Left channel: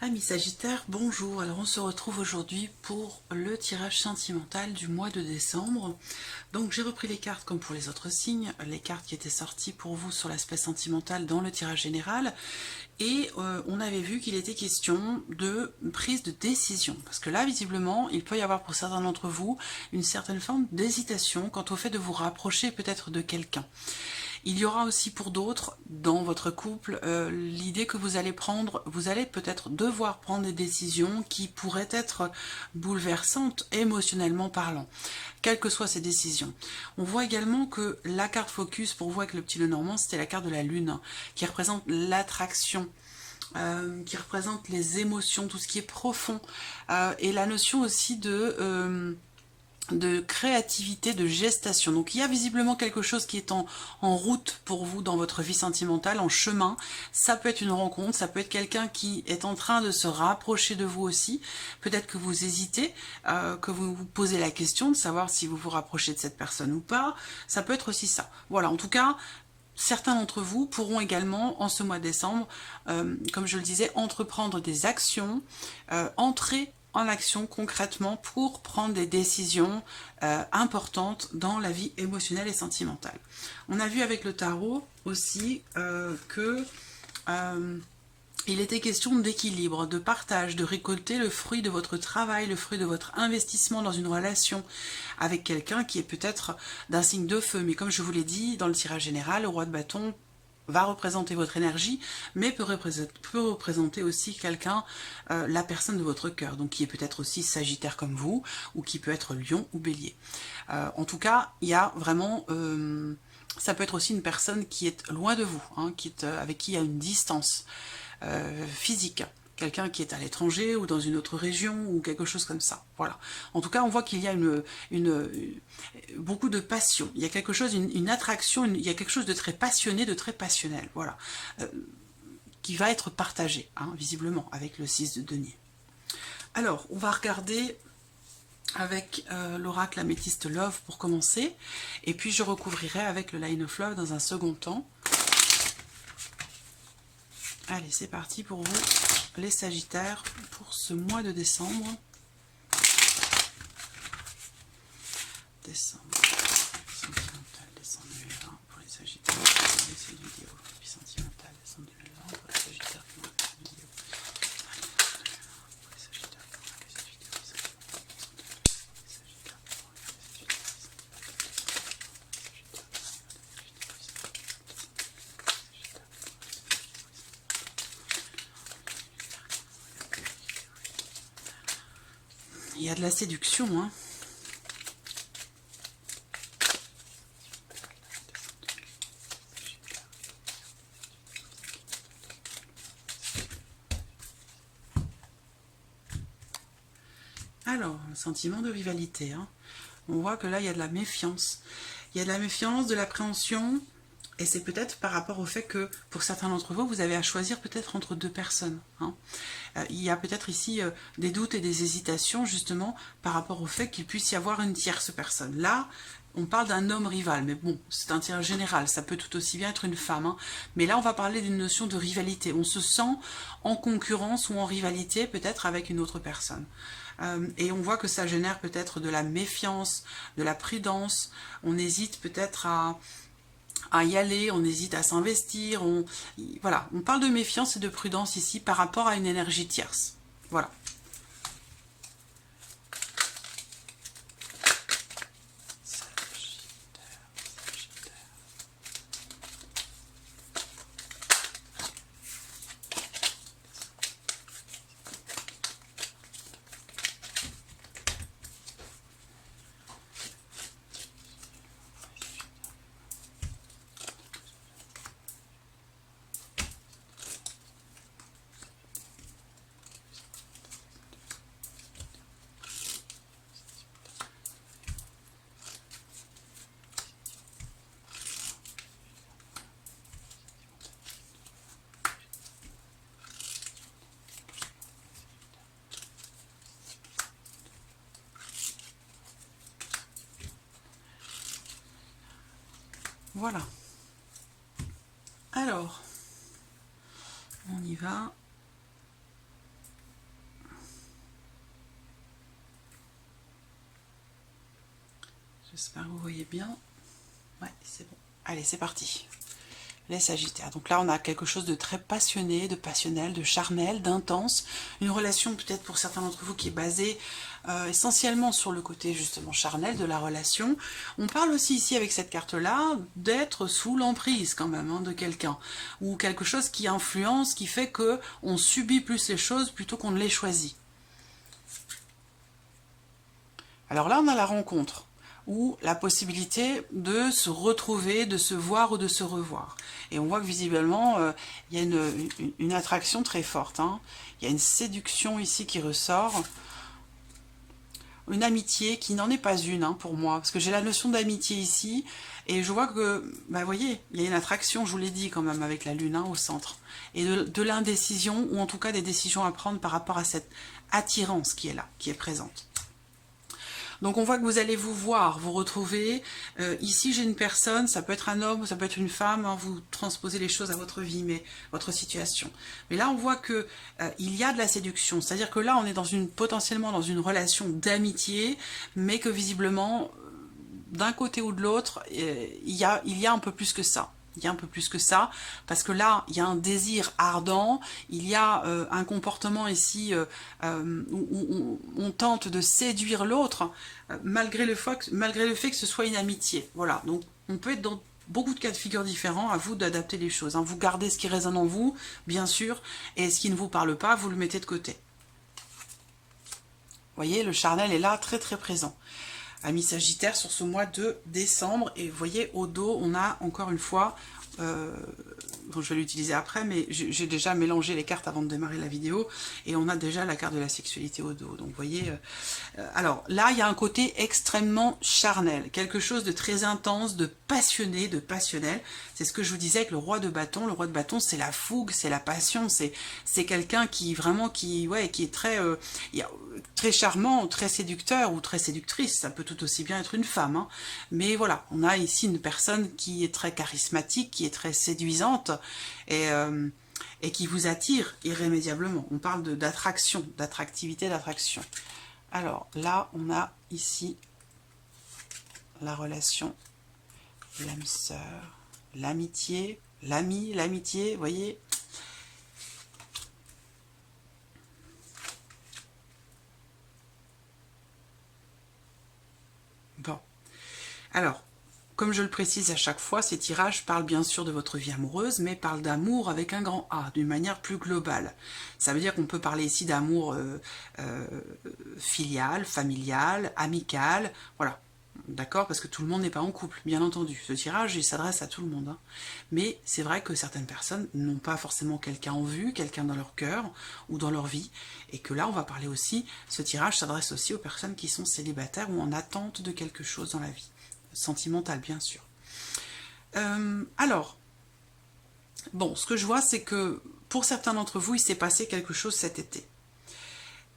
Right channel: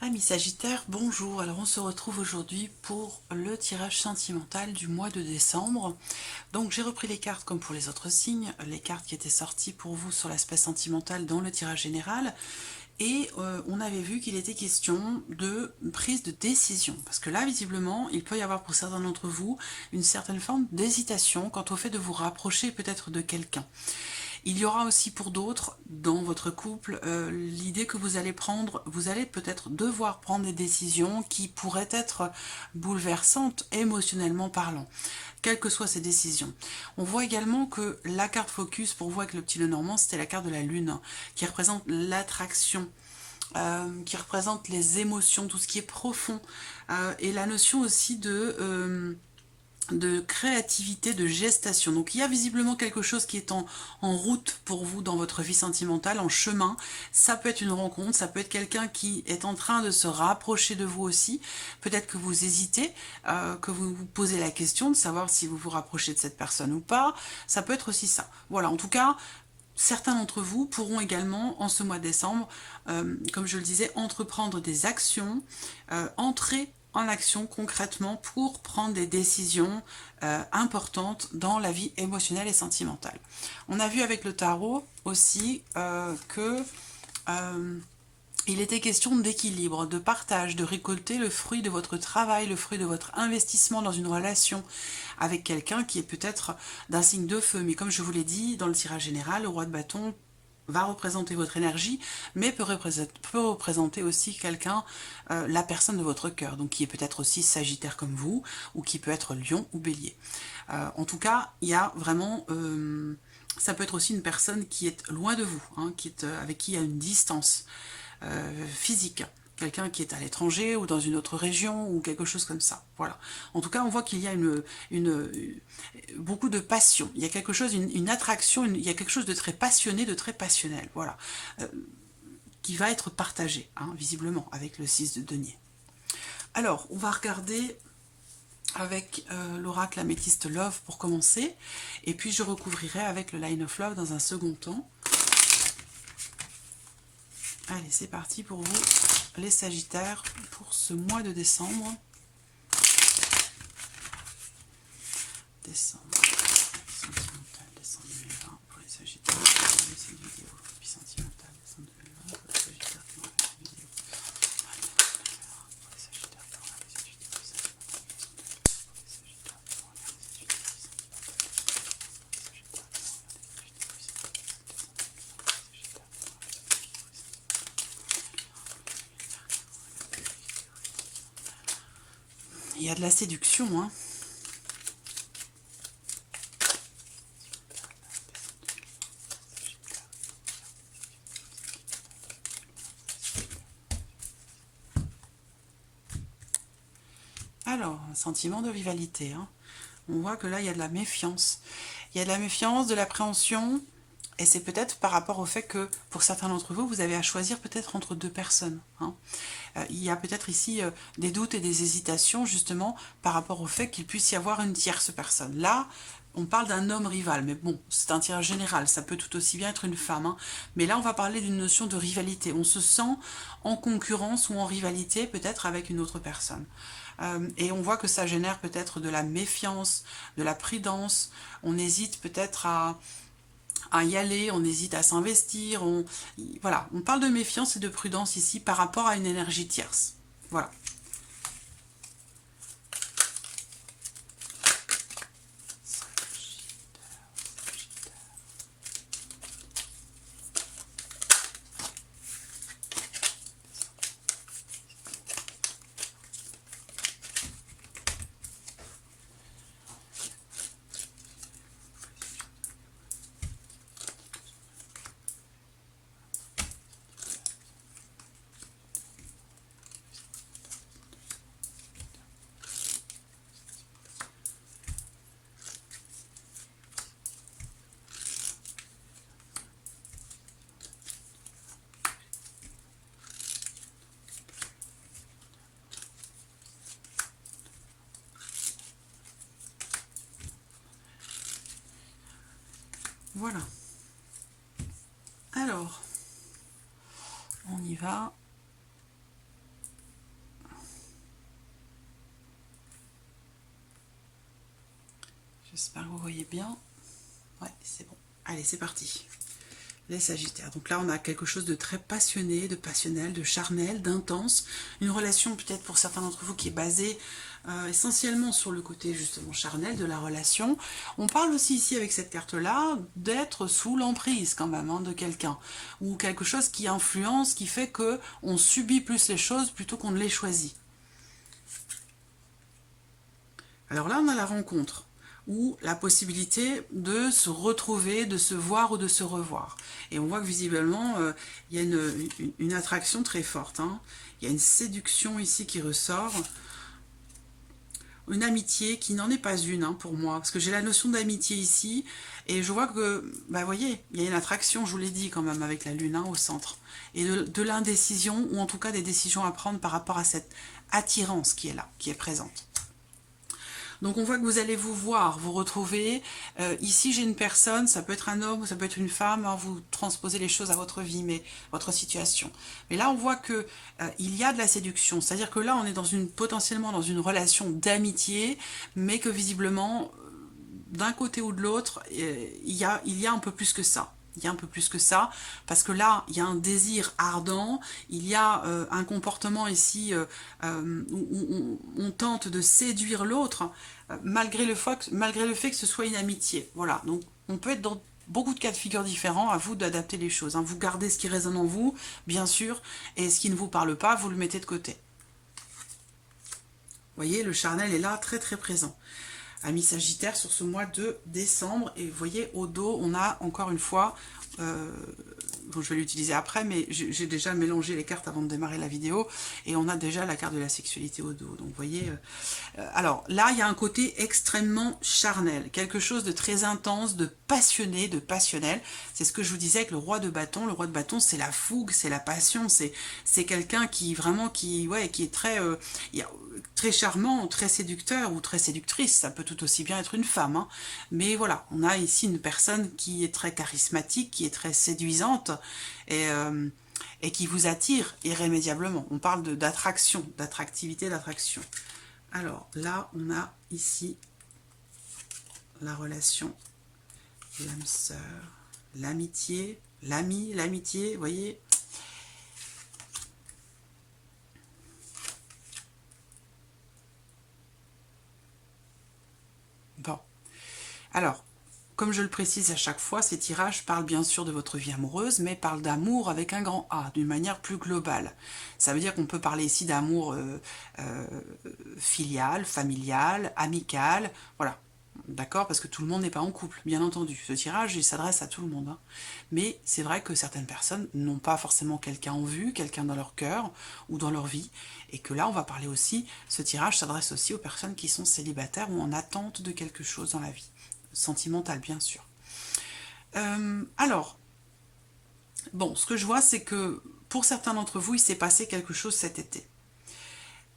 Amis Sagittaire, bonjour. Alors on se retrouve aujourd'hui pour le tirage sentimental du mois de décembre. Donc j'ai repris les cartes comme pour les autres signes, les cartes qui étaient sorties pour vous sur l'aspect sentimental dans le tirage général. Et on avait vu qu'il était question de prise de décision. Parce que là, visiblement, il peut y avoir pour certains d'entre vous une certaine forme d'hésitation quant au fait de vous rapprocher peut-être de quelqu'un. Il y aura aussi pour d'autres, dans votre couple, l'idée que vous allez prendre, vous allez peut-être devoir prendre des décisions qui pourraient être bouleversantes émotionnellement parlant, quelles que soient ces décisions. On voit également que la carte focus, pour vous avec le petit Lenormand, c'était la carte de la Lune, qui représente l'attraction, qui représente les émotions, tout ce qui est profond, et la notion aussi de créativité, de gestation. Donc il y a visiblement quelque chose qui est en route pour vous dans votre vie sentimentale, en chemin. Ça peut être une rencontre, ça peut être quelqu'un qui est en train de se rapprocher de vous aussi. Peut-être que vous hésitez, que vous vous posez la question de savoir si vous vous rapprochez de cette personne ou pas. Ça peut être aussi ça. Voilà, en tout cas, certains d'entre vous pourront également, en ce mois de décembre, comme je le disais, entreprendre des actions, entrer en action concrètement pour prendre des décisions importantes dans la vie émotionnelle et sentimentale. On a vu avec le tarot aussi que il était question d'équilibre, de partage, de récolter le fruit de votre travail, le fruit de votre investissement dans une relation avec quelqu'un qui est peut-être d'un signe de feu. Mais comme je vous l'ai dit, dans le tirage général, le roi de bâton va représenter votre énergie, mais peut représenter aussi quelqu'un, la personne de votre cœur, donc qui est peut-être aussi Sagittaire comme vous, ou qui peut être Lion ou Bélier. En tout cas, il y a vraiment... ça peut être aussi une personne qui est loin de vous, hein, avec qui il y a une distance physique. Quelqu'un qui est à l'étranger ou dans une autre région ou quelque chose comme ça. Voilà. En tout cas, on voit qu'il y a beaucoup de passion. Il y a quelque chose, une attraction, il y a quelque chose de très passionné, de très passionnel. Voilà. Qui va être partagé, hein, visiblement, avec le 6 de denier. Alors, on va regarder avec l'oracle Améthyste Love pour commencer. Et puis, je recouvrirai avec le Line of Love dans un second temps. Allez, c'est parti pour vous, les Sagittaires, pour ce mois de décembre. Décembre, sentimental, décembre 2020 pour les Sagittaires qui ont regardé cette vidéo. Puis sentimental, décembre 2020 pour les Sagittaires qui ont regardé cette vidéo. Pour les Sagittaires qui ont regardé cette vidéo. Pour les Sagittaires qui ont regardé cette vidéo. Il y a de la séduction, hein. Alors, un sentiment de rivalité, hein. On voit que là, il y a de la méfiance. Il y a de la méfiance, de l'appréhension, et c'est peut-être par rapport au fait que, pour certains d'entre vous, vous avez à choisir peut-être entre deux personnes, hein. Il y a peut-être ici des doutes et des hésitations, justement, par rapport au fait qu'il puisse y avoir une tierce personne. Là, on parle d'un homme rival, mais bon, c'est un tirage général, ça peut tout aussi bien être une femme, hein. Mais là, on va parler d'une notion de rivalité. On se sent en concurrence ou en rivalité, peut-être avec une autre personne. Et on voit que ça génère peut-être de la méfiance, de la prudence. On hésite peut-être à y aller, on hésite à s'investir. Voilà, on parle de méfiance et de prudence ici par rapport à une énergie tierce. Voilà. Voilà. Alors, on y va. J'espère que vous voyez bien. Ouais, c'est bon. Allez, c'est parti. Les Sagittaires. Donc là, on a quelque chose de très passionné, de passionnel, de charnel, d'intense. Une relation peut-être pour certains d'entre vous qui est basée essentiellement sur le côté justement charnel de la relation. On parle aussi ici avec cette carte-là d'être sous l'emprise quand même hein, de quelqu'un. Ou quelque chose qui influence, qui fait que on subit plus les choses plutôt qu'on ne les choisit. Alors là, on a la rencontre, ou la possibilité de se retrouver, de se voir ou de se revoir. Et on voit que visiblement, il y a une attraction très forte. Hein. Il y a une séduction ici qui ressort. Une amitié qui n'en est pas une hein, pour moi, parce que j'ai la notion d'amitié ici, et je vois que, bah, vous voyez, il y a une attraction, je vous l'ai dit quand même, avec la lune hein, au centre, et de l'indécision, ou en tout cas des décisions à prendre par rapport à cette attirance qui est là, qui est présente. Donc on voit que vous allez vous voir, vous retrouver. Ici j'ai une personne, ça peut être un homme, ça peut être une femme, hein, vous transposez les choses à votre vie, mais votre situation. Mais là on voit que il y a de la séduction, c'est-à-dire que là on est potentiellement dans une relation d'amitié, mais que visiblement d'un côté ou de l'autre, il y a un peu plus que ça. Il y a un peu plus que ça, parce que là, il y a un désir ardent, il y a un comportement ici où on tente de séduire l'autre, malgré le fait que ce soit une amitié. Voilà, donc on peut être dans beaucoup de cas de figure différents, à vous d'adapter les choses. Hein. Vous gardez ce qui résonne en vous, bien sûr, et ce qui ne vous parle pas, vous le mettez de côté. Vous voyez, le charnel est là, très très présent. Amis Sagittaire sur ce mois de décembre. Et vous voyez, au dos, on a encore une fois, bon, je vais l'utiliser après, mais j'ai déjà mélangé les cartes avant de démarrer la vidéo, et on a déjà la carte de la sexualité au dos. Donc vous voyez, alors là, il y a un côté extrêmement charnel, quelque chose de très intense, de passionné, de passionnel. C'est ce que je vous disais avec le roi de bâton. Le roi de bâton, c'est la fougue, c'est la passion, c'est quelqu'un qui vraiment, qui est très... très charmant, très séducteur ou très séductrice, ça peut tout aussi bien être une femme. Hein. Mais voilà, on a ici une personne qui est très charismatique, qui est très séduisante et qui vous attire irrémédiablement. On parle d'attraction, d'attractivité, d'attraction. Alors là, on a ici la relation, l'âme sœur, l'amitié, l'ami, l'amitié, vous voyez. Bon, alors, comme je le précise à chaque fois, ces tirages parlent bien sûr de votre vie amoureuse, mais parlent d'amour avec un grand A, d'une manière plus globale. Ça veut dire qu'on peut parler ici d'amour filial, familial, amical, voilà. D'accord? Parce que tout le monde n'est pas en couple, bien entendu. Ce tirage, il s'adresse à tout le monde. Hein. Mais c'est vrai que certaines personnes n'ont pas forcément quelqu'un en vue, quelqu'un dans leur cœur ou dans leur vie. Et que là, on va parler aussi, ce tirage s'adresse aussi aux personnes qui sont célibataires ou en attente de quelque chose dans la vie. Sentimentale, bien sûr. Alors, bon, ce que je vois, c'est que pour certains d'entre vous, il s'est passé quelque chose cet été.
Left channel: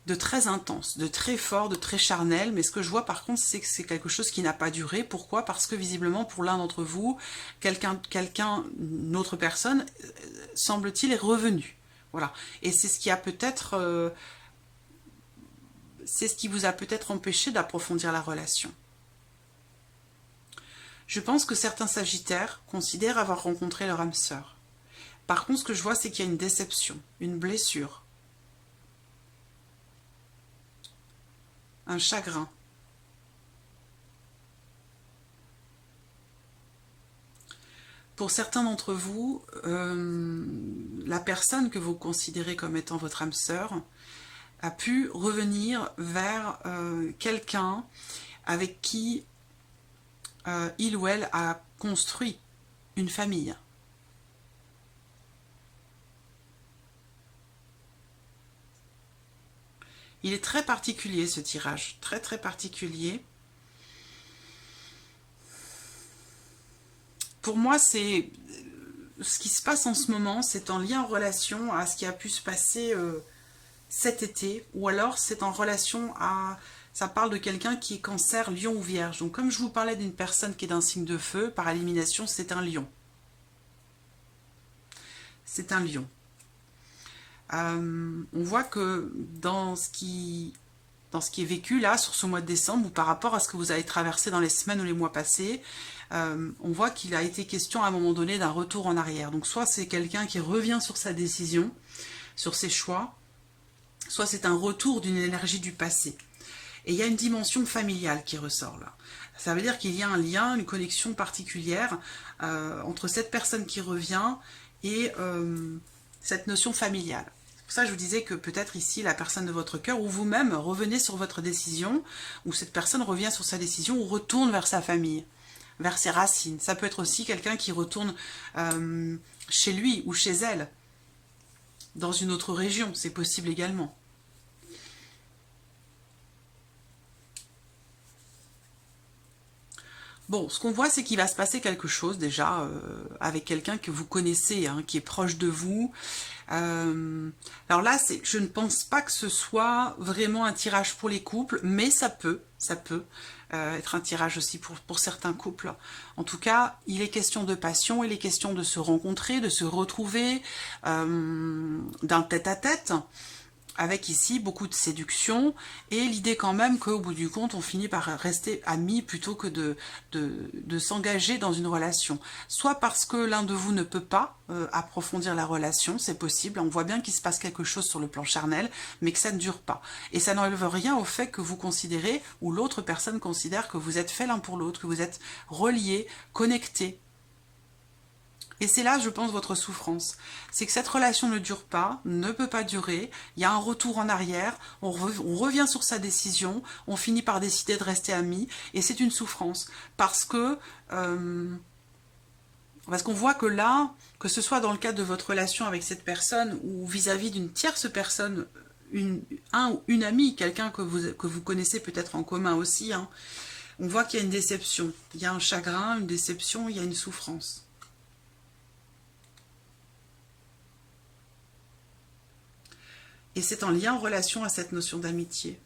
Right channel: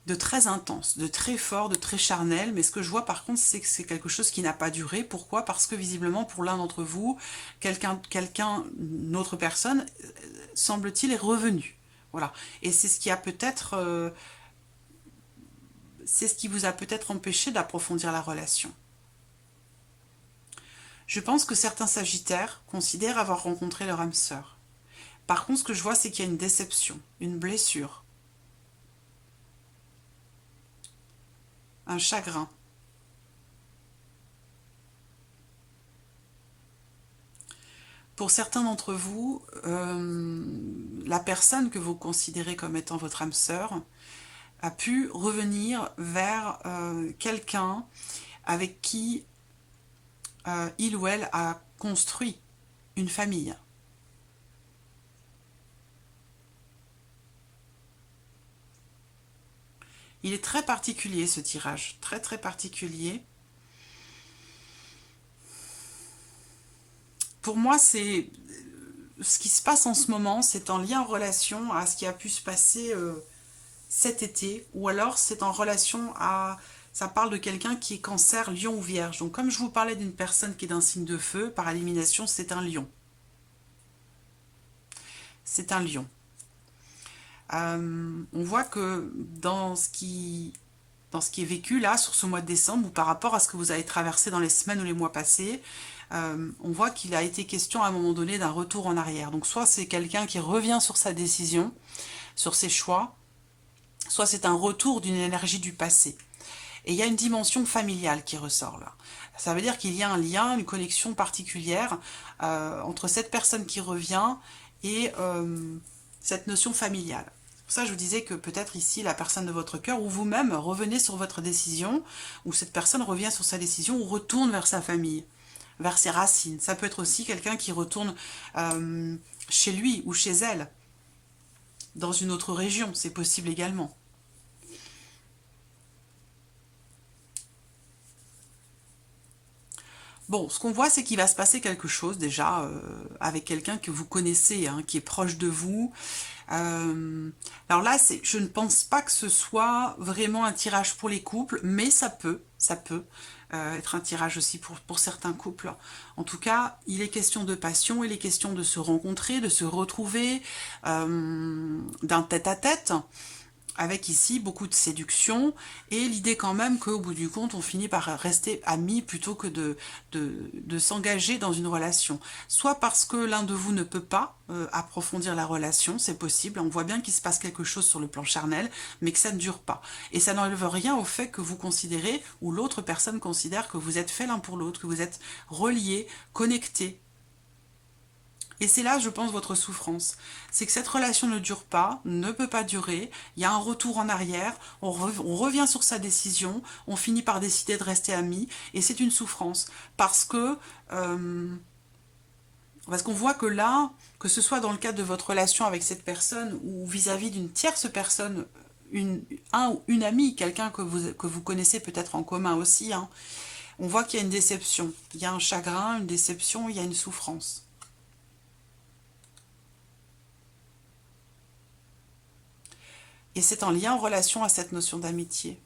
De très intense, de très fort, de très charnel, mais ce que je vois par contre, c'est que c'est quelque chose qui n'a pas duré. Pourquoi? Parce que visiblement, pour l'un d'entre vous, une autre personne, semble-t-il, est revenu. Voilà. Et c'est ce qui a peut-être... c'est ce qui vous a peut-être empêché d'approfondir la relation. Je pense que certains Sagittaires considèrent avoir rencontré leur âme sœur. Par contre, ce que je vois, c'est qu'il y a une déception, une blessure, un chagrin. Pour certains d'entre vous, la personne que vous considérez comme étant votre âme sœur a pu revenir vers quelqu'un avec qui il ou elle a construit une famille. Il est très particulier ce tirage, très très particulier. Pour moi, c'est ce qui se passe en ce moment, c'est en lien en relation à ce qui a pu se passer cet été, ou alors c'est en relation à... Ça parle de quelqu'un qui est cancer, lion ou vierge. Donc comme je vous parlais d'une personne qui est d'un signe de feu, par élimination, c'est un lion. C'est un lion. On voit que dans ce qui dans ce qui est vécu là, sur ce mois de décembre, ou par rapport à ce que vous avez traversé dans les semaines ou les mois passés. On voit qu'il a été question à un moment donné d'un retour en arrière. Donc soit c'est quelqu'un qui revient sur sa décision, sur ses choix, soit c'est un retour d'une énergie du passé. Et il y a une dimension familiale qui ressort là. Ça veut dire qu'il y a un lien, une connexion particulière entre cette personne qui revient et cette notion familiale. C'est pour ça que je vous disais que peut-être ici, la personne de votre cœur, ou vous-même, revenez sur votre décision, ou cette personne revient sur sa décision, ou retourne vers sa famille, vers ses racines. Ça peut être aussi quelqu'un qui retourne chez lui ou chez elle, dans une autre région, c'est possible également. Bon, ce qu'on voit, c'est qu'il va se passer quelque chose déjà avec quelqu'un que vous connaissez, hein, qui est proche de vous. Alors là, je ne pense pas que ce soit vraiment un tirage pour les couples, mais ça peut être un tirage aussi pour certains couples. En tout cas, il est question de passion, il est question de se rencontrer, de se retrouver, d'un tête-à-tête, avec ici beaucoup de séduction, et l'idée quand même qu'au bout du compte, on finit par rester amis plutôt que de s'engager dans une relation. Soit parce que l'un de vous ne peut pas approfondir la relation, c'est possible, on voit bien qu'il se passe quelque chose sur le plan charnel, mais que ça ne dure pas. Et ça n'enlève rien au fait que vous considérez, ou l'autre personne considère que vous êtes faits l'un pour l'autre, que vous êtes reliés, connectés. Et c'est là, je pense, votre souffrance. C'est que cette relation ne dure pas, ne peut pas durer, il y a un retour en arrière, on revient sur sa décision, on finit par décider de rester amis, et c'est une souffrance. Parce que parce qu'on voit que là, que ce soit dans le cadre de votre relation avec cette personne, ou vis-à-vis d'une tierce personne, un ou une amie, quelqu'un que vous connaissez peut-être en commun aussi, hein, on voit qu'il y a une déception. Il y a un chagrin, une déception, il y a une souffrance. Et c'est en lien, en relation à cette notion d'amitié.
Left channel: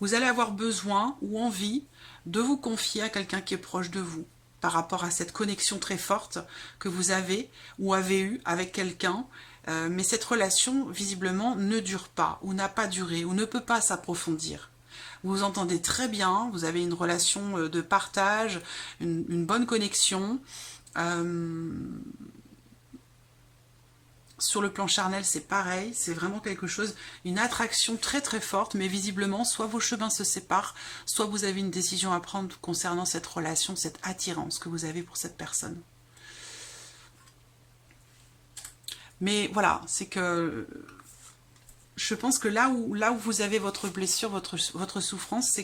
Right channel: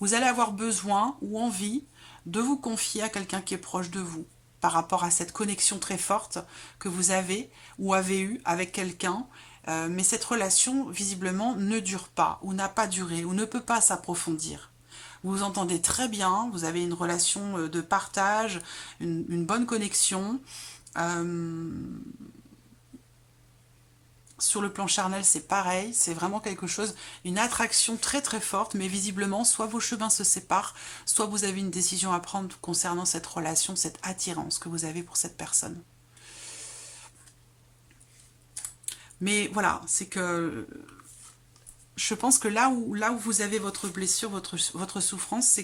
Vous allez avoir besoin ou envie de vous confier à quelqu'un qui est proche de vous, par rapport à cette connexion très forte que vous avez ou avez eue avec quelqu'un, mais cette relation, visiblement, ne dure pas, ou n'a pas duré, ou ne peut pas s'approfondir. Vous vous entendez très bien, vous avez une relation de partage, une bonne connexion. Sur le plan charnel, c'est pareil, c'est vraiment quelque chose, une attraction très très forte, mais visiblement, soit vos chemins se séparent, soit vous avez une décision à prendre concernant cette relation, cette attirance que vous avez pour cette personne. Mais voilà, c'est que je pense que là où vous avez votre blessure, votre souffrance,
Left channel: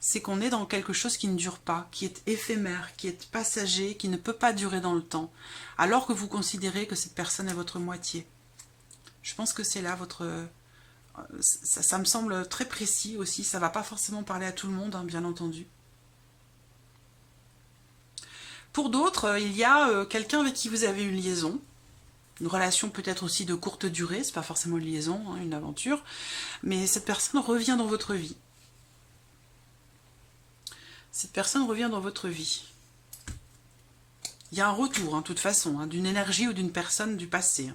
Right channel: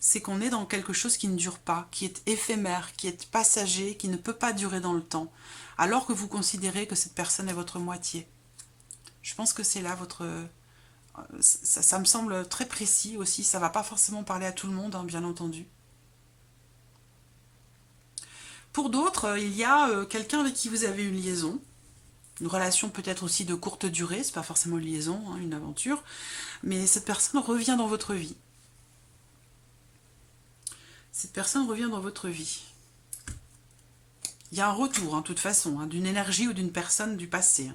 c'est qu'on est dans quelque chose qui ne dure pas, qui est éphémère, qui est passager, qui ne peut pas durer dans le temps, alors que vous considérez que cette personne est votre moitié. Je pense que c'est là votre... Ça me semble très précis aussi, ça ne va pas forcément parler à tout le monde, hein, bien entendu. Pour d'autres, il y a quelqu'un avec qui vous avez une liaison, une relation peut-être aussi de courte durée, c'est pas forcément une liaison, hein, une aventure, mais cette personne revient dans votre vie. Cette personne revient dans votre vie. Il y a un retour, hein, de toute façon, hein, d'une énergie ou d'une personne du passé.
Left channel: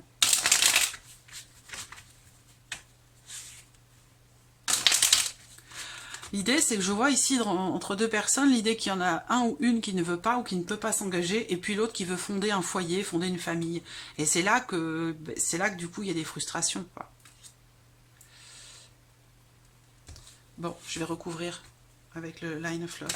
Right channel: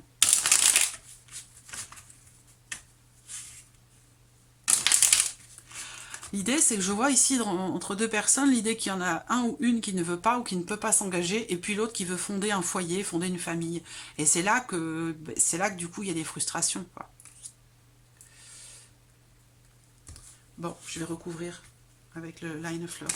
L'idée, c'est que je vois ici, entre deux personnes, l'idée qu'il y en a un ou une qui ne veut pas ou qui ne peut pas s'engager, et puis l'autre qui veut fonder un foyer, fonder une famille. Et c'est là que du coup, il y a des frustrations, quoi. Bon, je vais recouvrir avec le Line of Love.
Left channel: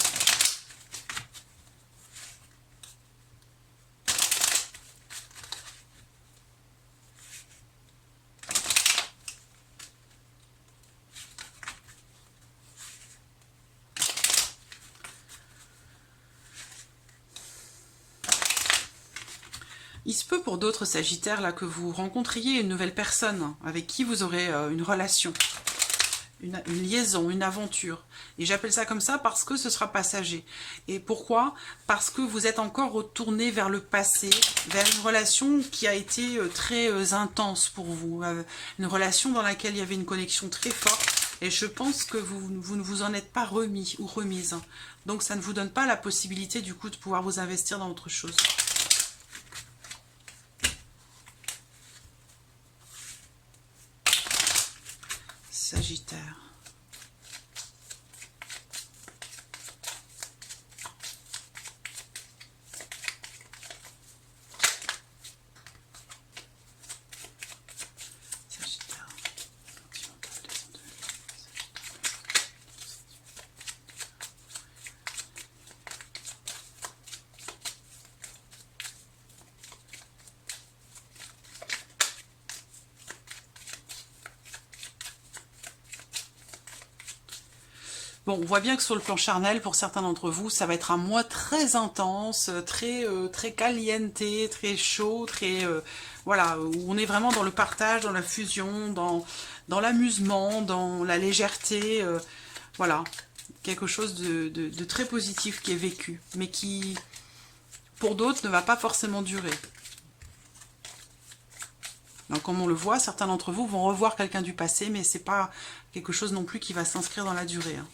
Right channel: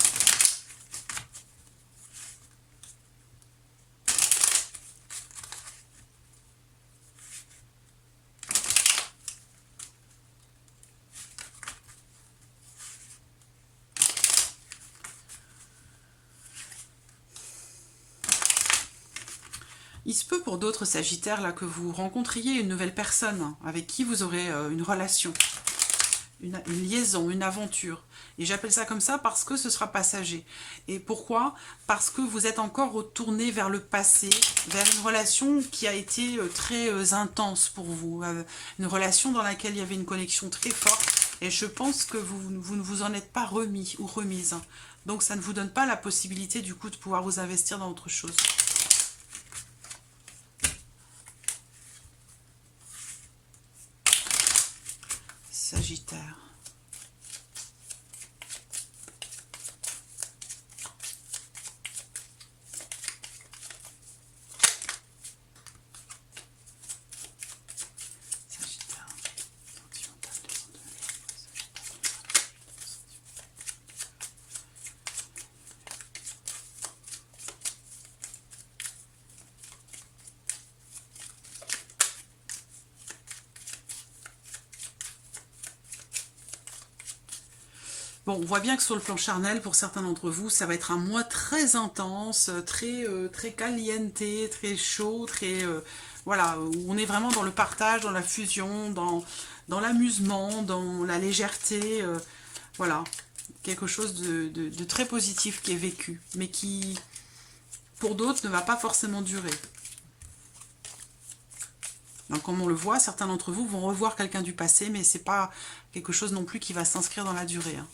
Il se peut pour d'autres Sagittaires là, que vous rencontriez une nouvelle personne avec qui vous aurez une relation, une liaison, une aventure. Et j'appelle ça comme ça parce que ce sera passager. Et pourquoi? Parce que vous êtes encore retourné vers le passé, vers une relation qui a été très intense pour vous. Une relation dans laquelle il y avait une connexion très forte. Et je pense que vous ne vous en êtes pas remis ou remise. Donc ça ne vous donne pas la possibilité du coup de pouvoir vous investir dans autre chose. Sagittaire. Bon, on voit bien que sur le plan charnel, pour certains d'entre vous, ça va être un mois très intense, très caliente, très chaud, voilà, où on est vraiment dans le partage, dans la fusion, dans l'amusement, dans la légèreté, voilà, quelque chose de très positif qui est vécu, mais qui, pour d'autres, ne va pas forcément durer. Donc, comme on le voit, certains d'entre vous vont revoir quelqu'un du passé, mais c'est pas quelque chose non plus qui va s'inscrire dans la durée, hein.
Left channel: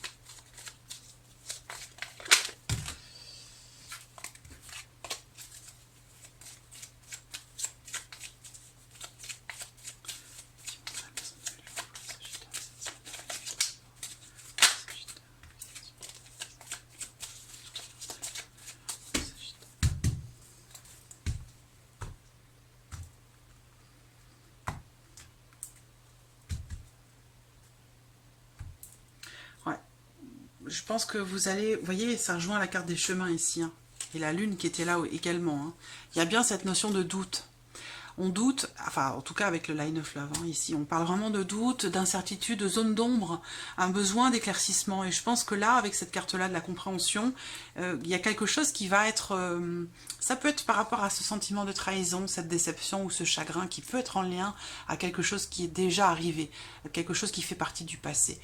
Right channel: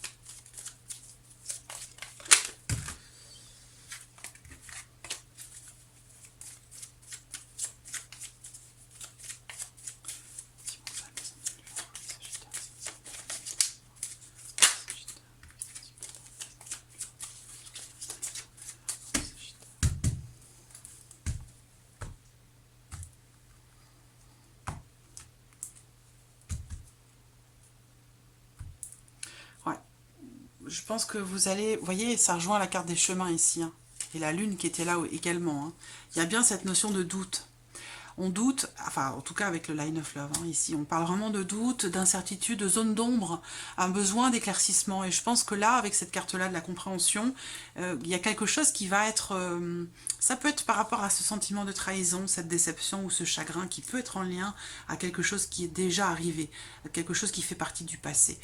Je pense que vous allez... Vous voyez, ça rejoint la carte des chemins ici, hein, et la lune qui était là également, hein. Il y a bien cette notion de doute. On doute, enfin en tout cas avec le Line of Love, hein, ici, on parle vraiment de doute, d'incertitude, de zone d'ombre, un besoin d'éclaircissement. Et je pense que là, avec cette carte-là de la compréhension, il y a quelque chose qui va être... ça peut être par rapport à ce sentiment de trahison, cette déception ou ce chagrin qui peut être en lien à quelque chose qui est déjà arrivé, quelque chose qui fait partie du passé.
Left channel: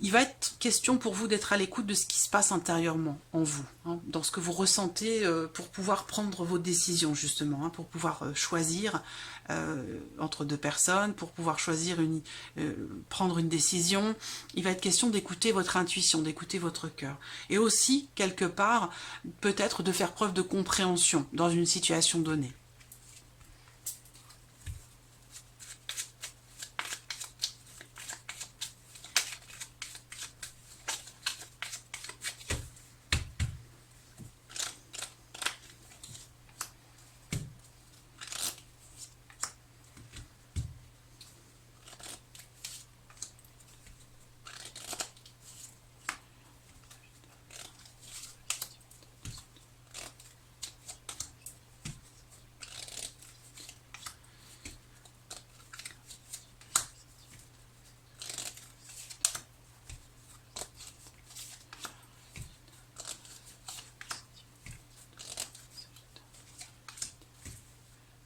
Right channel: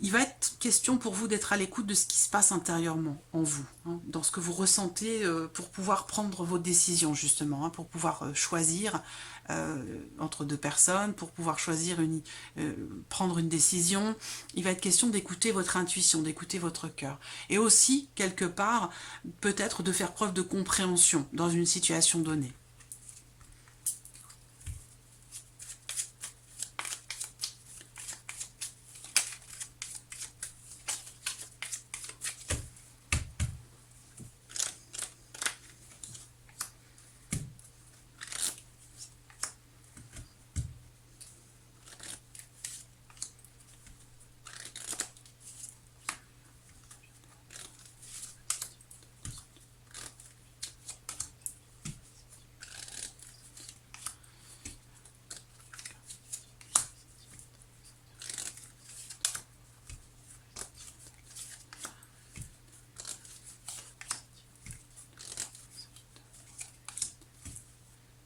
Il va être question pour vous d'être à l'écoute de ce qui se passe intérieurement en vous, hein, dans ce que vous ressentez pour pouvoir prendre vos décisions justement, hein, pour pouvoir choisir entre deux personnes, pour pouvoir choisir prendre une décision. Il va être question d'écouter votre intuition, d'écouter votre cœur. Et aussi, quelque part, peut-être de faire preuve de compréhension dans une situation donnée.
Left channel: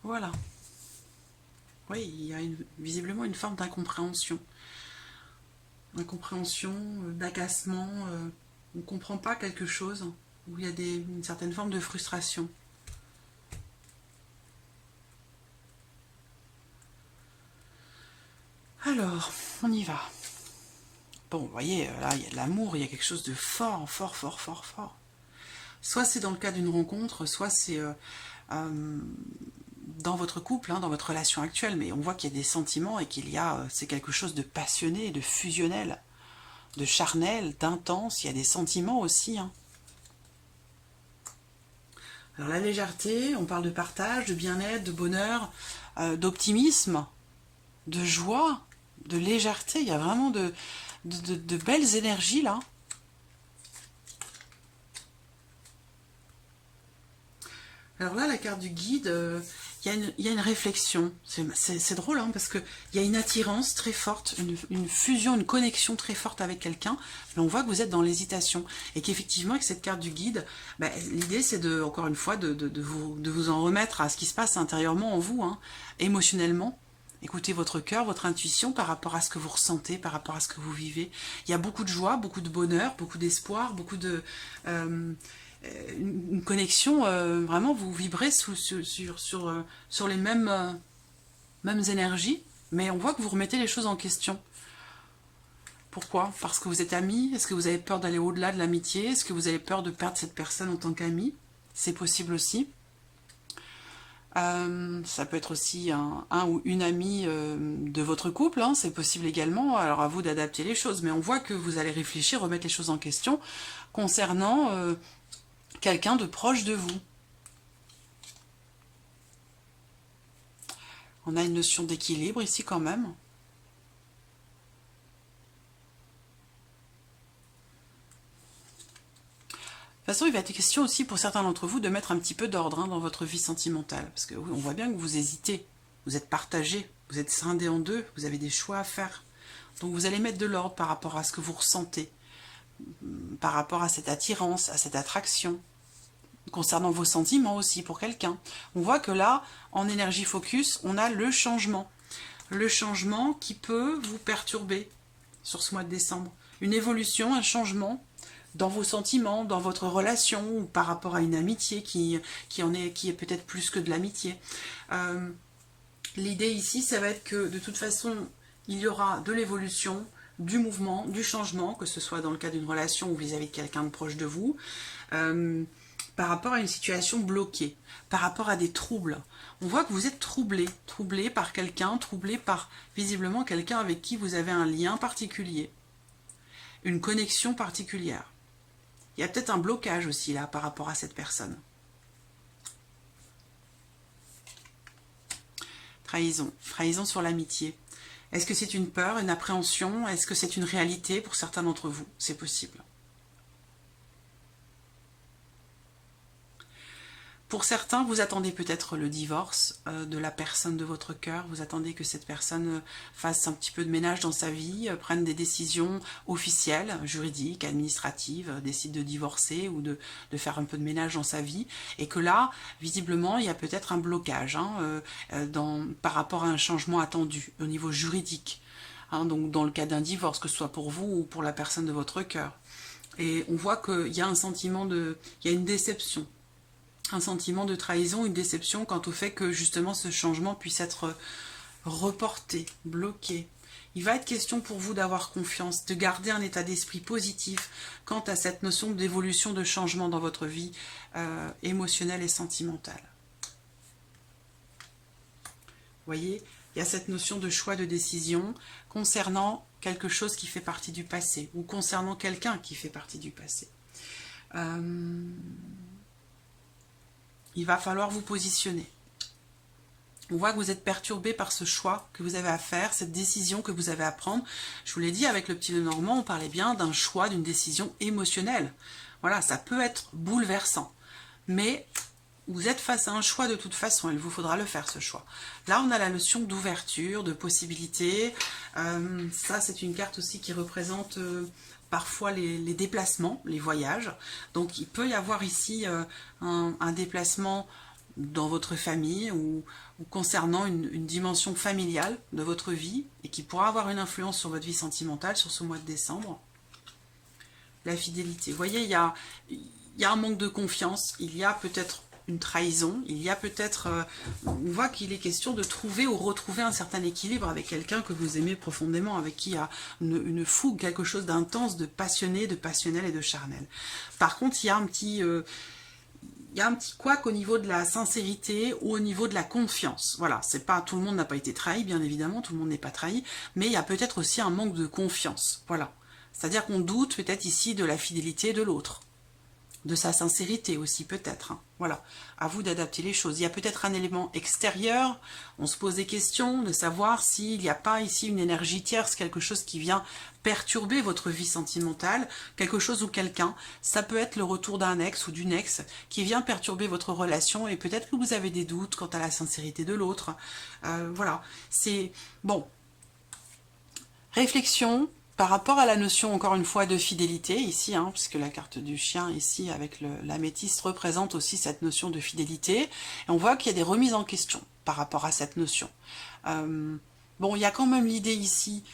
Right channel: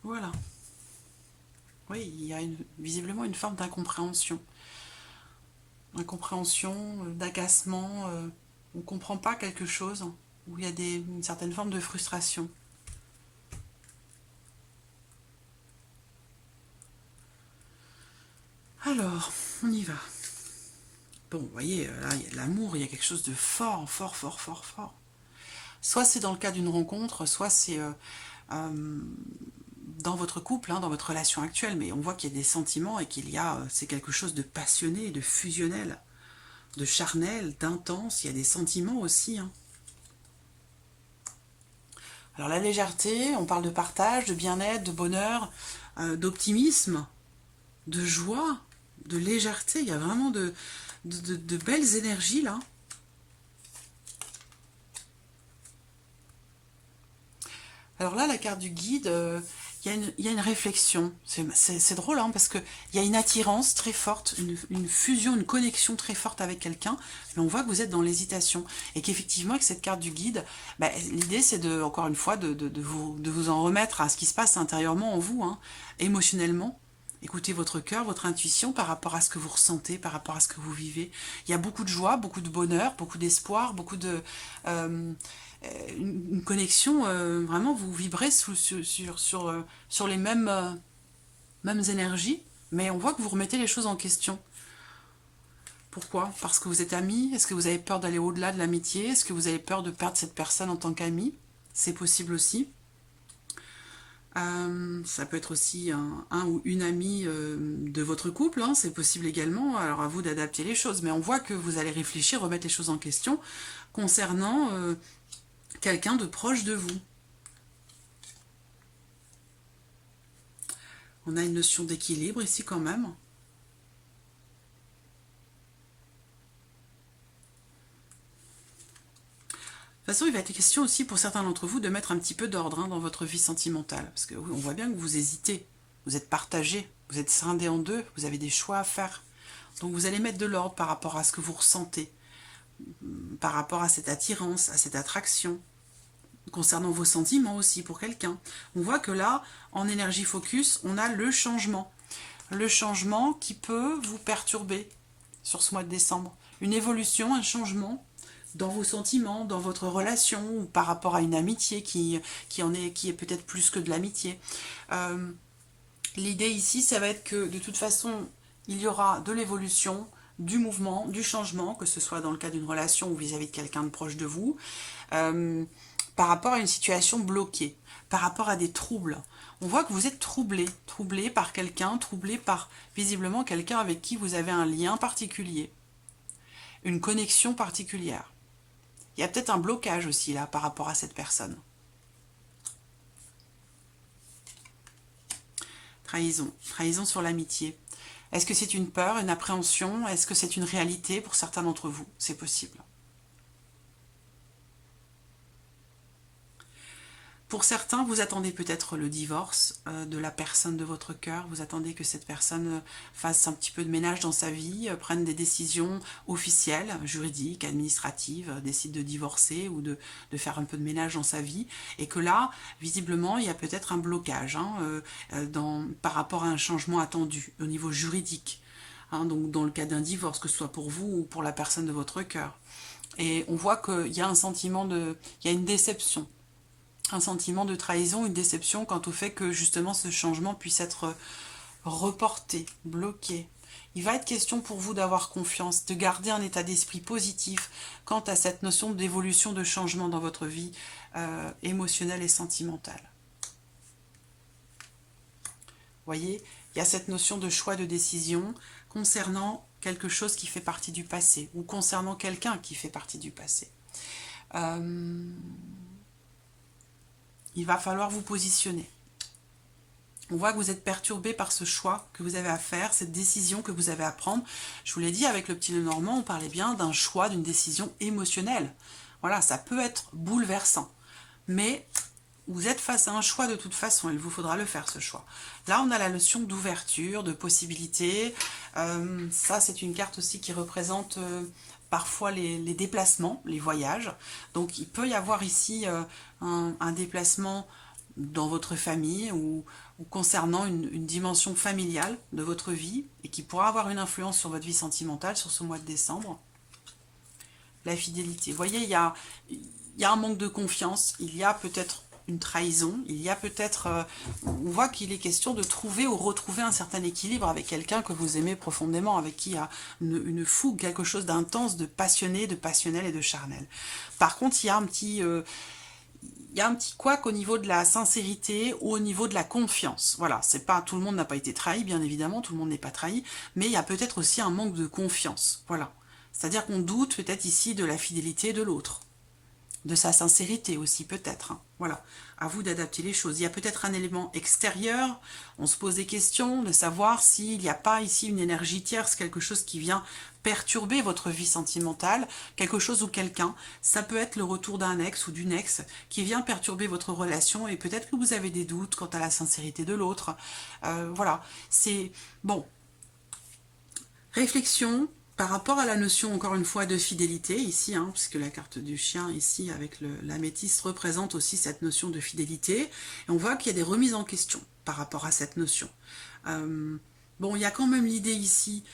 Voilà. Oui, il y a visiblement une forme d'incompréhension. Incompréhension, d'agacement, on ne comprend pas quelque chose, où il y a une certaine forme de frustration. Alors, on y va. Bon, vous voyez, là, il y a de l'amour, il y a quelque chose de fort, fort, fort, fort, fort. Soit c'est dans le cas d'une rencontre, soit c'est dans votre couple, hein, dans votre relation actuelle, mais on voit qu'il y a des sentiments et c'est quelque chose de passionné, de fusionnel, de charnel, d'intense. Il y a des sentiments aussi, hein. Alors la légèreté, on parle de partage, de bien-être, de bonheur, d'optimisme, de joie, de légèreté. Il y a vraiment de belles énergies là. Alors là, la carte du guide, il y a une réflexion. C'est drôle, hein, parce qu'il y a une attirance très forte, une fusion, une connexion très forte avec quelqu'un, mais on voit que vous êtes dans l'hésitation. Et qu'effectivement, avec cette carte du guide, bah, l'idée, c'est encore une fois, de vous en remettre à ce qui se passe intérieurement en vous, hein, émotionnellement. Écoutez votre cœur, votre intuition par rapport à ce que vous ressentez, par rapport à ce que vous vivez. Il y a beaucoup de joie, beaucoup de bonheur, beaucoup d'espoir, beaucoup de... une connexion, vraiment, vous vibrez sur les mêmes énergies, mais on voit que vous remettez les choses en question. Pourquoi? Parce que vous êtes amis? Est-ce que vous avez peur d'aller au-delà de l'amitié? Est-ce que vous avez peur de perdre cette personne en tant qu'ami? C'est possible aussi. Ça peut être aussi un ou une amie de votre couple, hein, c'est possible également, alors à vous d'adapter les choses, mais on voit que vous allez réfléchir, remettre les choses en question concernant quelqu'un de proche de vous. On a une notion d'équilibre ici quand même. De toute façon, il va être question aussi pour certains d'entre vous de mettre un petit peu d'ordre dans votre vie sentimentale. Parce que oui, on voit bien que vous hésitez, vous êtes partagé, vous êtes scindé en deux, vous avez des choix à faire. Donc vous allez mettre de l'ordre par rapport à ce que vous ressentez, par rapport à cette attirance, à cette attraction, concernant vos sentiments aussi pour quelqu'un. On voit que là, en énergie focus, on a le changement. Le changement qui peut vous perturber sur ce mois de décembre. Une évolution, un changement dans vos sentiments, dans votre relation, ou par rapport à une amitié qui est peut-être plus que de l'amitié. L'idée ici, ça va être que de toute façon, il y aura de l'évolution, du mouvement, du changement, que ce soit dans le cas d'une relation ou vis-à-vis de quelqu'un de proche de vous, par rapport à une situation bloquée, par rapport à des troubles. On voit que vous êtes troublé, troublé par quelqu'un, troublé par visiblement quelqu'un avec qui vous avez un lien particulier, une connexion particulière. Il y a peut-être un blocage aussi là par rapport à cette personne. Trahison. Trahison sur l'amitié. Est-ce que c'est une peur, une appréhension? Est-ce que c'est une réalité pour certains d'entre vous? C'est possible. Pour certains, vous attendez peut-être le divorce de la personne de votre cœur. Vous attendez que cette personne fasse un petit peu de ménage dans sa vie, prenne des décisions officielles, juridiques, administratives, décide de divorcer ou de faire un peu de ménage dans sa vie. Et que là, visiblement, il y a peut-être un blocage par rapport à un changement attendu au niveau juridique. Donc dans le cas d'un divorce, que ce soit pour vous ou pour la personne de votre cœur. Et on voit qu'il y a un sentiment il y a une déception. Un sentiment de trahison, une déception quant au fait que justement ce changement puisse être reporté, bloqué. Il va être question pour vous d'avoir confiance, de garder un état d'esprit positif quant à cette notion d'évolution, de changement dans votre vie émotionnelle et sentimentale. Vous voyez, il y a cette notion de choix de décision concernant quelque chose qui fait partie du passé ou concernant quelqu'un qui fait partie du passé. Il va falloir vous positionner. On voit que vous êtes perturbé par ce choix que vous avez à faire, cette décision que vous avez à prendre. Je vous l'ai dit, avec le petit Lenormand, on parlait bien d'un choix, d'une décision émotionnelle. Voilà, ça peut être bouleversant. Mais vous êtes face à un choix de toute façon, il vous faudra le faire ce choix. Là, on a la notion d'ouverture, de possibilité. Ça, c'est une carte aussi qui représente parfois les déplacements, les voyages. Donc, il peut y avoir ici un déplacement dans votre famille ou concernant une dimension familiale de votre vie et qui pourra avoir une influence sur votre vie sentimentale sur ce mois de décembre. La fidélité. Vous voyez, il y a un manque de confiance, il y a peut-être une trahison, il y a peut-être... on voit qu'il est question de trouver ou retrouver un certain équilibre avec quelqu'un que vous aimez profondément, avec qui il y a une fougue, quelque chose d'intense, de passionné, de passionnel et de charnel. Par contre, il y a un petit... couac au niveau de la sincérité ou au niveau de la confiance. Voilà, c'est pas tout le monde n'a pas été trahi, bien évidemment, tout le monde n'est pas trahi, mais il y a peut-être aussi un manque de confiance. Voilà. C'est-à-dire qu'on doute peut-être ici de la fidélité de l'autre. De sa sincérité aussi peut-être. Voilà, à vous d'adapter les choses. Il y a peut-être un élément extérieur, on se pose des questions, de savoir s'il n'y a pas ici une énergie tierce, quelque chose qui vient perturber votre vie sentimentale, quelque chose ou quelqu'un. Ça peut être le retour d'un ex ou d'une ex qui vient perturber votre relation et peut-être que vous avez des doutes quant à la sincérité de l'autre. Voilà, c'est... Bon, réflexion par rapport à la notion, encore une fois, de fidélité, ici, puisque la carte du chien, ici, avec l'améthyste, représente aussi cette notion de fidélité. Et on voit qu'il y a des remises en question par rapport à cette notion. Bon, il y a quand même l'idée ici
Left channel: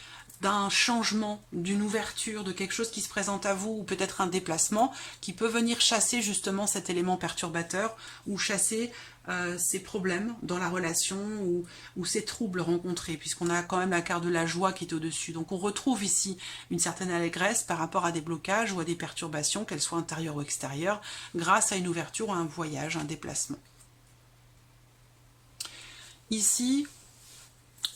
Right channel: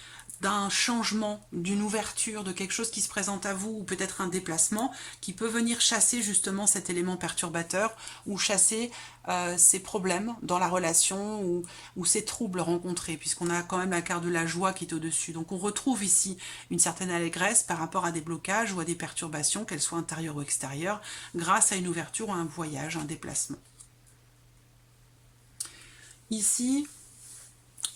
d'un changement, d'une ouverture, de quelque chose qui se présente à vous, ou peut-être un déplacement, qui peut venir chasser justement cet élément perturbateur, ou chasser ces problèmes dans la relation, ou ces troubles rencontrés, puisqu'on a quand même la carte de la joie qui est au-dessus. Donc on retrouve ici une certaine allégresse par rapport à des blocages ou à des perturbations, qu'elles soient intérieures ou extérieures, grâce à une ouverture ou à un voyage, un déplacement. Ici,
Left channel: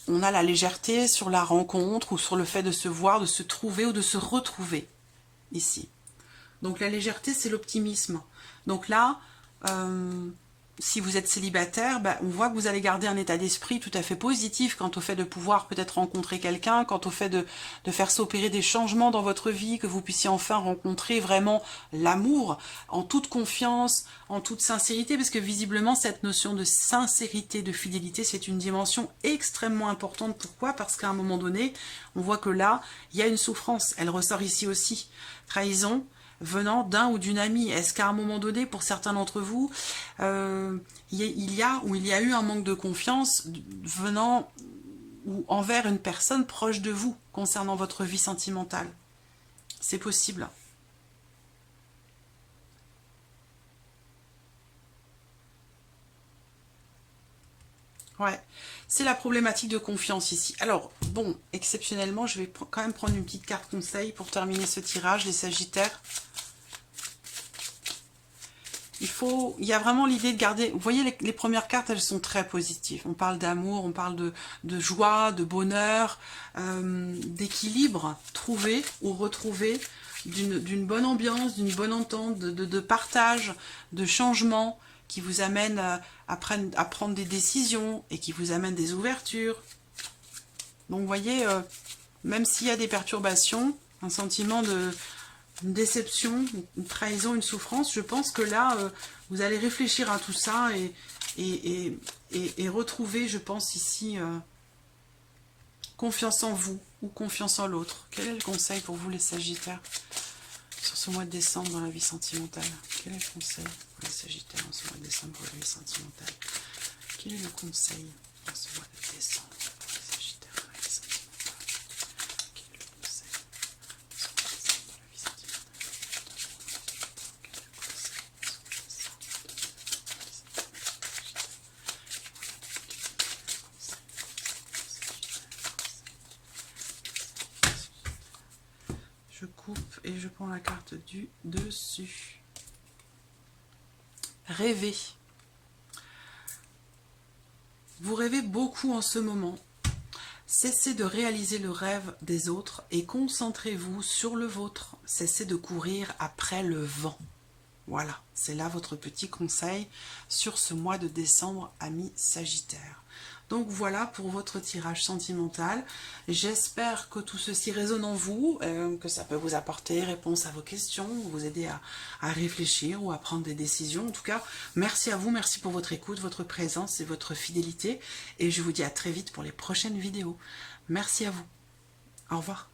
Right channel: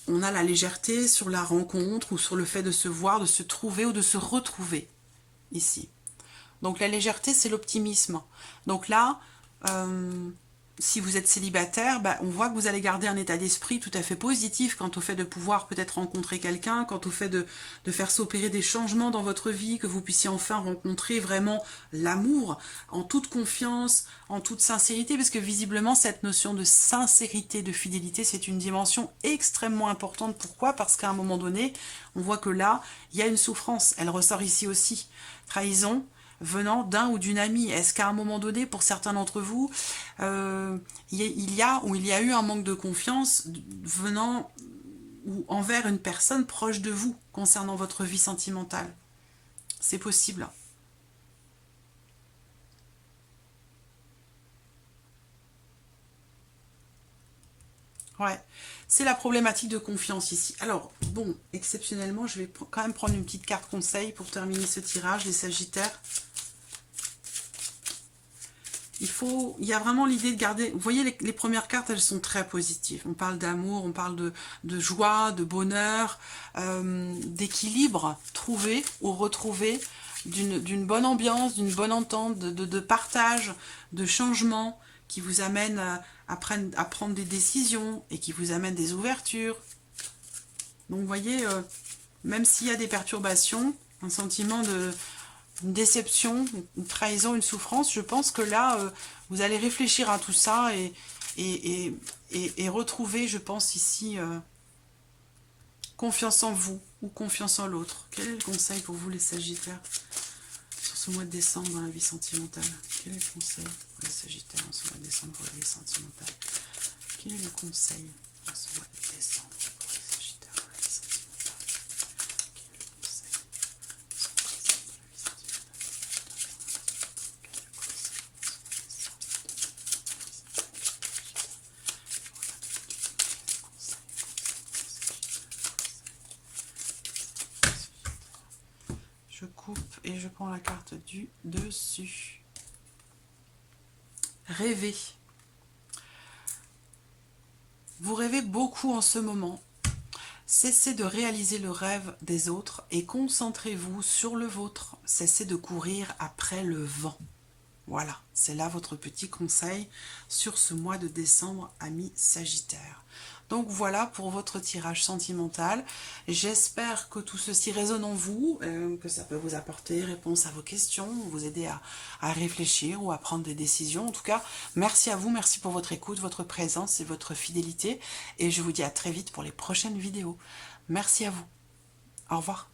on a la légèreté sur la rencontre ou sur le fait de se voir, de se trouver ou de se retrouver ici. Donc la légèreté, c'est l'optimisme. Donc là, si vous êtes célibataire, on voit que vous allez garder un état d'esprit tout à fait positif quant au fait de pouvoir peut-être rencontrer quelqu'un, quant au fait de faire s'opérer des changements dans votre vie, que vous puissiez enfin rencontrer vraiment l'amour en toute confiance, en toute sincérité, parce que visiblement cette notion de sincérité, de fidélité, c'est une dimension extrêmement importante. Pourquoi? Parce qu'à un moment donné, on voit que là, il y a une souffrance. Elle ressort ici aussi. Trahison venant d'un ou d'une amie. Est-ce qu'à un moment donné, pour certains d'entre vous, il y a eu un manque de confiance venant ou envers une personne proche de vous concernant votre vie sentimentale? C'est possible. Ouais, c'est la problématique de confiance ici. Alors, bon, exceptionnellement, je vais quand même prendre une petite carte conseil pour terminer ce tirage, les Sagittaires. Il y a vraiment l'idée de garder... Vous voyez, les premières cartes, elles sont très positives. On parle d'amour, on parle de joie, de bonheur, d'équilibre trouvé ou retrouvé, d'une bonne ambiance, d'une bonne entente, de partage, de changement qui vous amène à prendre des décisions et qui vous amène des ouvertures. Donc, vous voyez, même s'il y a des perturbations, un sentiment une déception, une trahison, une souffrance, je pense que là, vous allez réfléchir à tout ça et retrouver, je pense ici, confiance en vous ou confiance en l'autre. Quel est le conseil pour vous, les Sagittaires, sur ce mois de décembre dans la vie sentimentale? Quel est le conseil pour les Sagittaires en ce mois de décembre pour la vie sentimentale? Quel est le conseil en ce mois de décembre pour les Sagittaires dans la vie sentimentale? Quel est le conseil en ce mois de décembre dans la vie sentimentale? Quel est le conseil en ce mois de décembre dans la vie sentimentale? Je coupe et je prends la carte du dessus. Rêver. Vous rêvez beaucoup en ce moment. Cessez de réaliser le rêve des autres et concentrez-vous sur le vôtre. Cessez de courir après le vent. Voilà, c'est là votre petit conseil sur ce mois de décembre, amis Sagittaires. Donc voilà pour votre tirage sentimental. J'espère que tout ceci résonne en vous, que ça peut vous apporter réponse à vos questions, vous aider à réfléchir ou à prendre des décisions. En tout cas, merci à vous, merci pour votre écoute, votre présence et votre fidélité. Et je vous dis à très vite pour les prochaines vidéos. Merci à vous. Au revoir.